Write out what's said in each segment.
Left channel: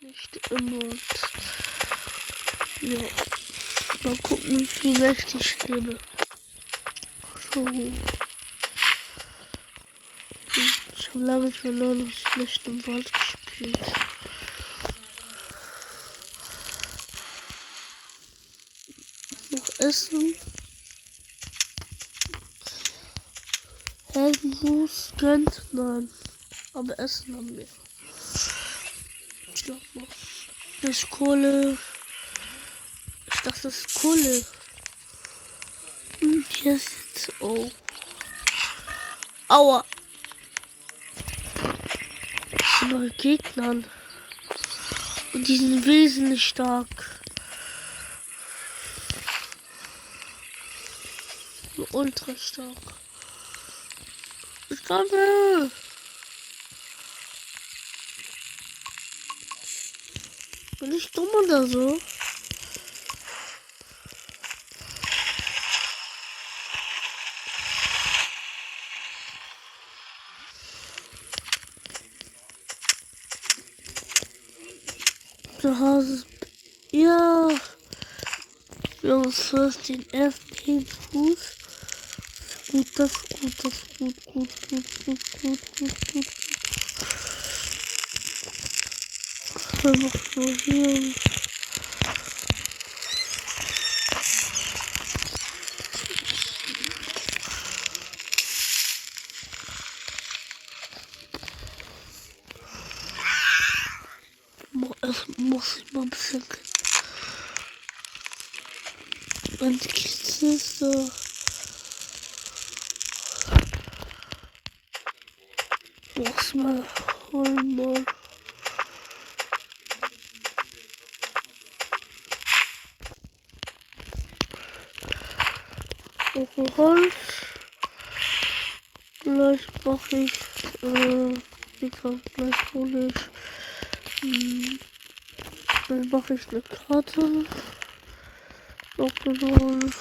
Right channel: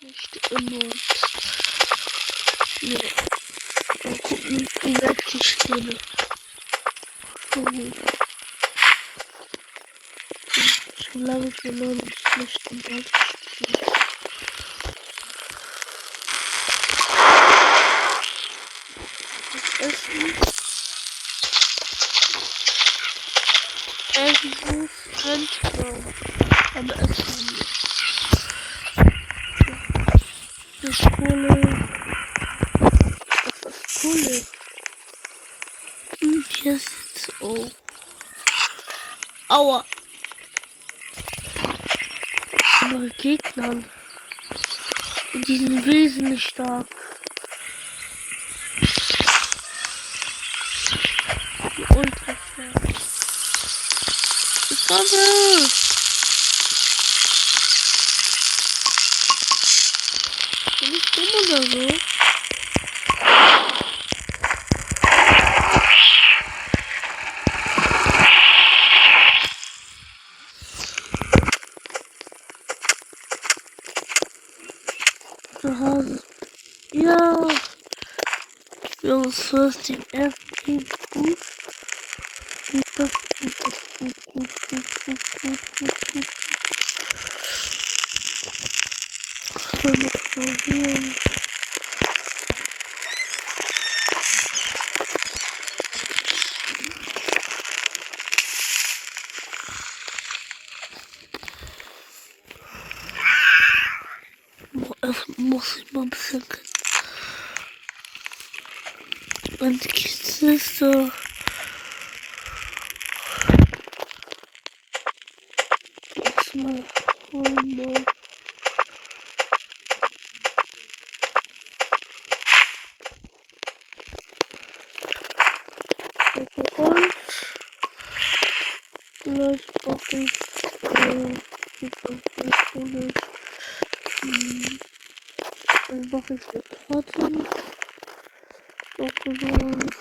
nicht immer. Ja. Mal gucken, wie leicht ich stehe. So. Schon lange verloren und schlecht am Ball gespielt. Das Essen. Irgendwo rennt man. Aber essen wir nicht. Das ist Kohle. Ich dachte, das ist Kohle. Und hier ist jetzt. Oh. Aua. Neue Gegner. Und die sind wesentlich stark. Ultra stark. Ich komme! Bin ich dumm oder so? Zu Hause. Ja. Wir haben 14 FP Boost. Gut, das gut, das gut. Dann noch so hier. Muss ich mal ein bisschen. Meine Kiste ist so. Muss mal holen, mal. Holz. Vielleicht brauche ich, wie kann ich hole ich, dann mache ich eine Karte. Noch genommen.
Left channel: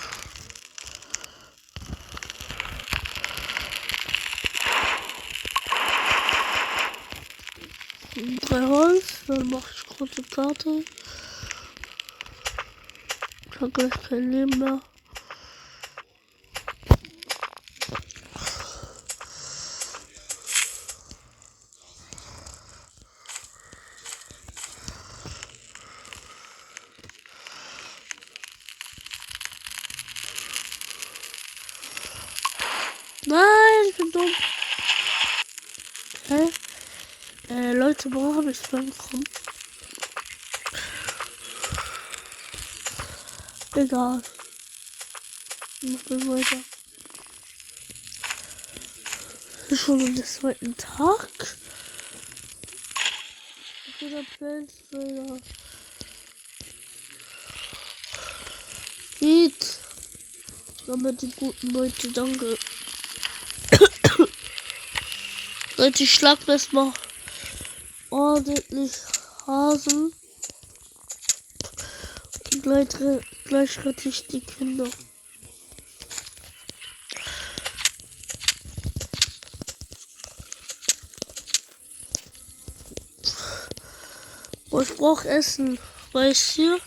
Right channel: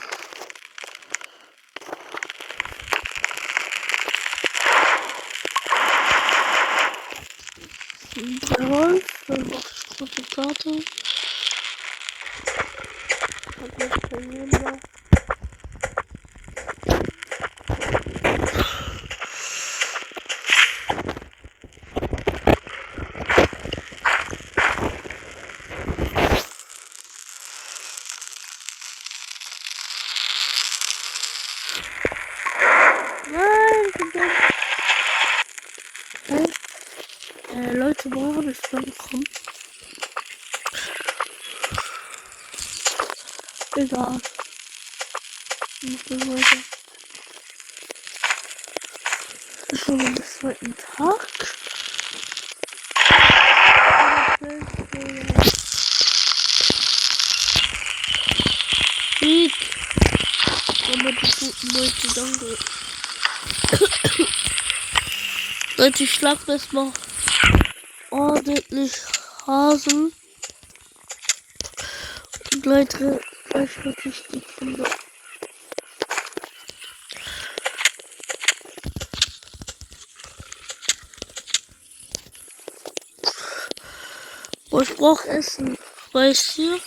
Drei Holz, dann mache ich kurze Karte. Ich habe gleich kein Leben mehr. Nein, ich bin dumm. Hä? Leute, wo habe ich dann bekommen? Egal. Ich muss weiter. Das ist schon am zweiten Tag. Sieg. Aber die guten Leute, danke. Leute, ich schlag das mal ordentlich Hasen. Und Leute, gleich rette ich die Kinder. Oh, ich brauch Essen. Weißt du?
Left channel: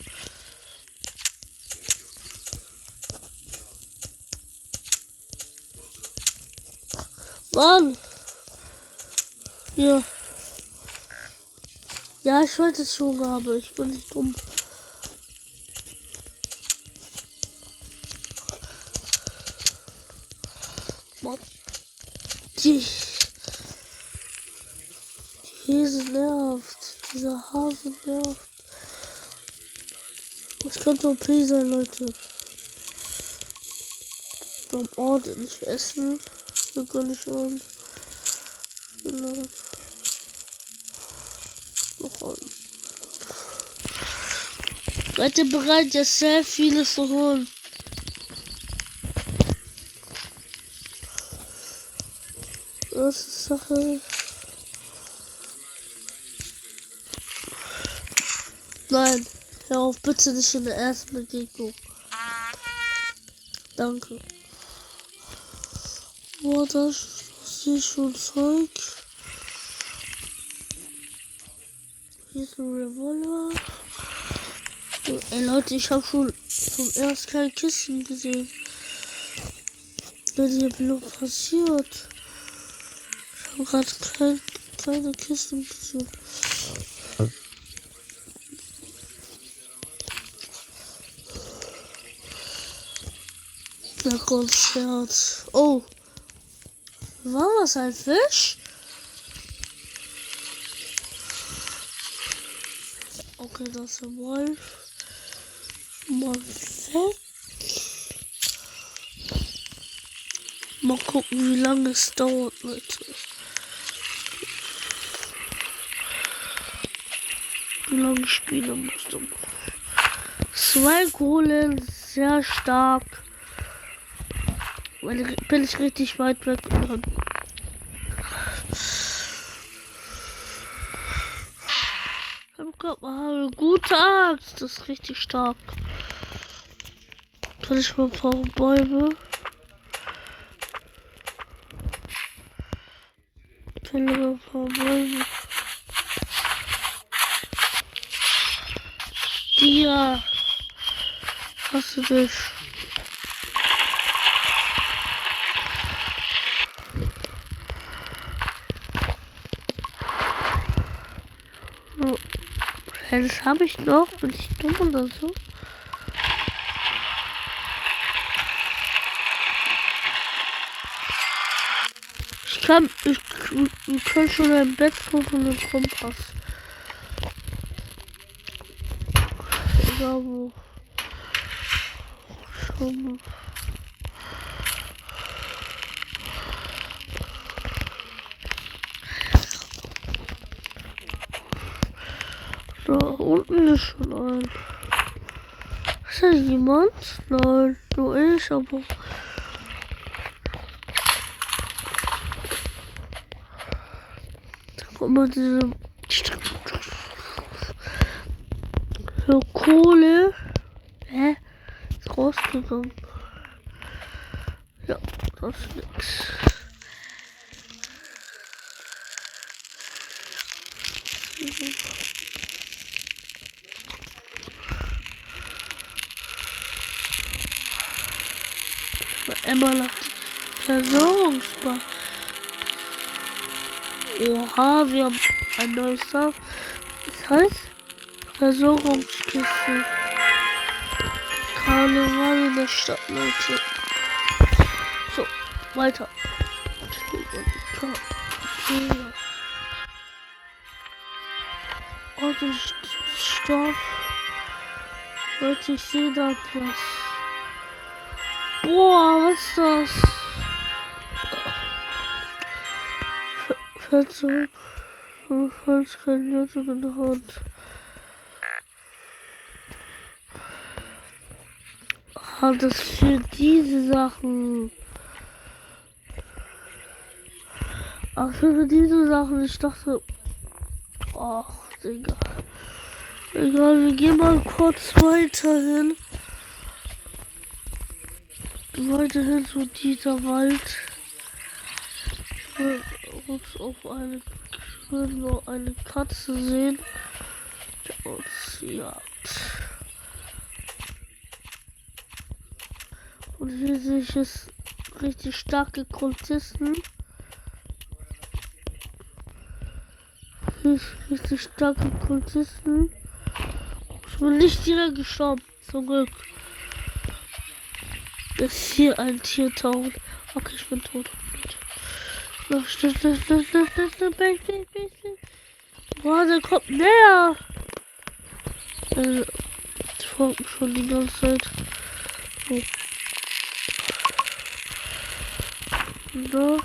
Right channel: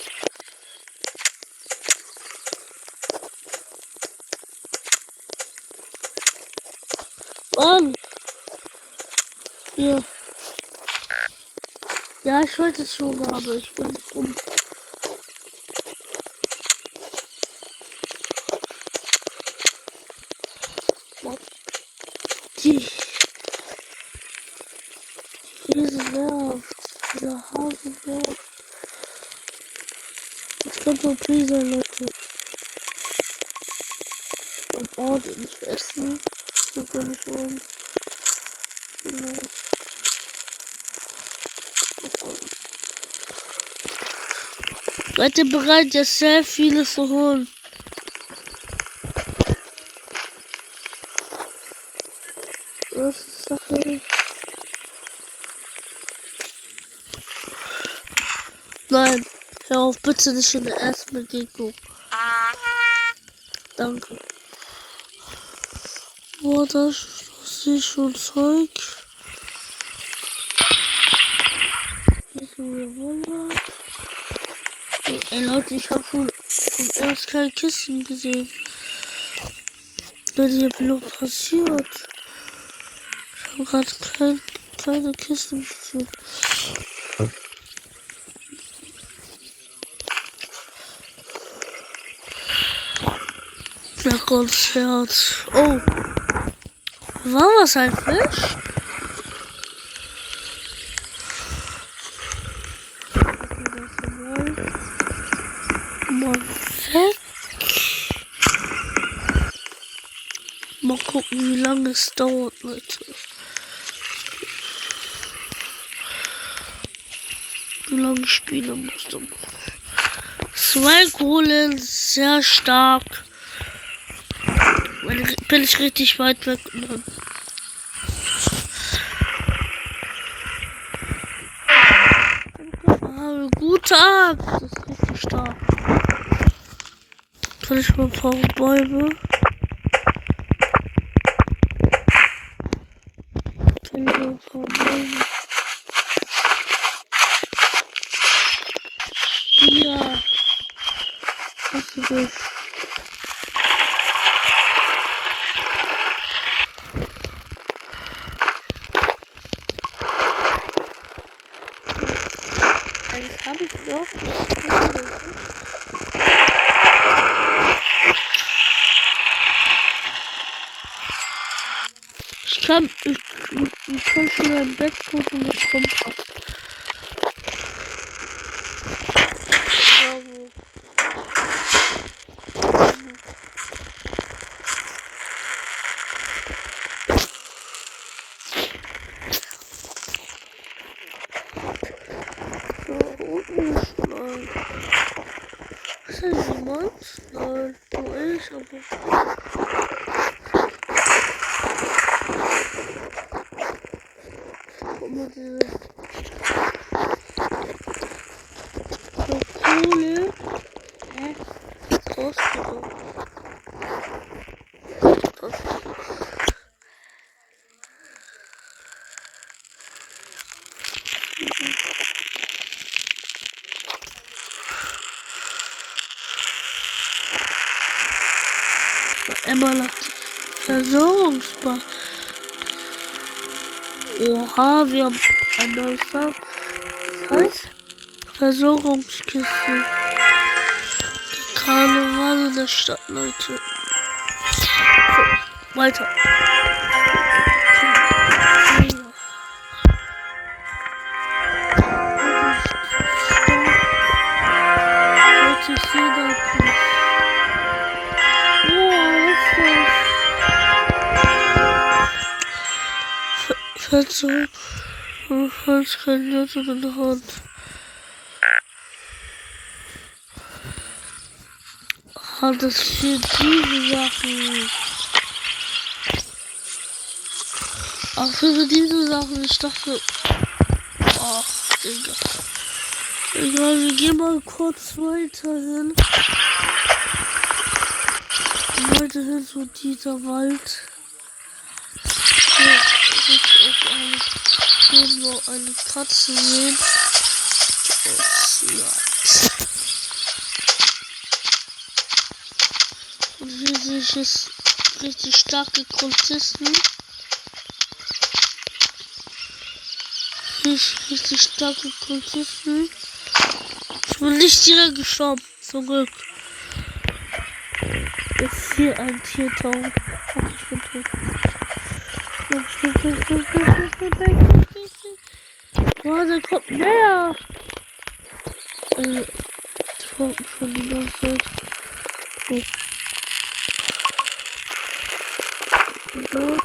Mann! Ja. Ja, ich wollte es schon, aber ich bin nicht dumm. Mann. Diese nervt. Dieser Hase nervt. Das könnte OP sein, Leute. Beim ordentlich essen. Wir können schon. Genau. Seid ihr bereit, jetzt sehr vieles zu holen? Was ist Sache? Nein, hör auf, bitte nicht in der ersten Begegnung. Danke. Boah, das ist schon Zeug. Revolver. Ey Leute, ich habe schon vom erst keine Kisten gesehen. Leute, hier bin noch passiert. Ich habe gerade keine Kisten gesehen. Na Gott, Herz. Oh. War was ein Fisch? Okay, das ist mal weg. Mal gucken, wie lange es dauert, Leute. Wie lange ich spielen musste. 2 Kohlen, sehr stark. Bin ich richtig weit weg. Gute Angst, das ist richtig stark. Kann ich mal ein paar Bäume? Kann ich mal ein paar Bäume? Ja. Was für dich? Das habe ich noch nicht oder so. Ich kann schon ein Bett suchen und Kompass. Bravo. So, unten ist schon ein. Ist da jemand? Nein, nur ich, aber. Guck mal, diese. So, Kohle. Hä? Ist rausgegangen. Ja, das ist. Emma hat Versorgungsbar. Oha, wir haben ein neues Saft. Das heißt Versorgungskiste. Karneval in der Stadt, Leute. So, weiter. Leute, ich sehe da etwas. Boah, was ist das? Verzug. Falls kein Löffel in der Hand. Ah, das für diese Sachen. Ach, für diese Sachen. Ich dachte. Ach, Digga. Egal, wir gehen mal kurz weiter hin. Weiterhin zu dieser Wald. Hier ist noch eine Katze sehen. Und hier sehe ich jetzt richtig starke Kultisten. Richtig starke Kultisten. Ich bin nicht direkt gestorben. Zum Glück. Ist hier ein Tier taucht. Okay, ich bin tot. Boah, der kommt näher. Ich folge schon die ganze Zeit. Oh. So.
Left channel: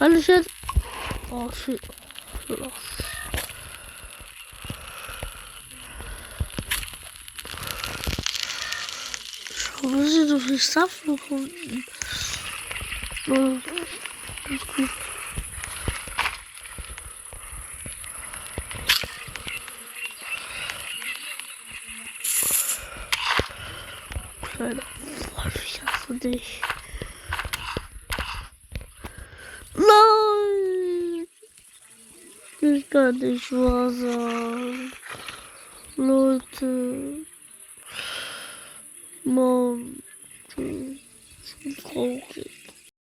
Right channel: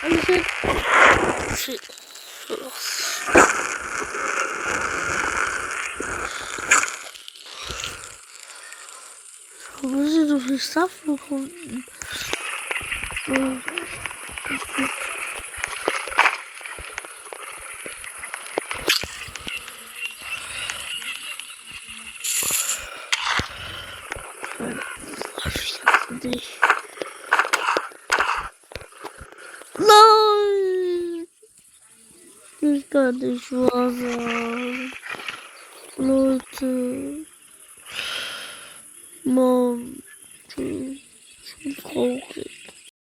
Alles jetzt. Oh shit. Los. Schau, wir sind so viel Saft gefunden. Oh. Ich hasse dich. Nein! Das kann nicht wahr sein. Leute. Mann. So traurig.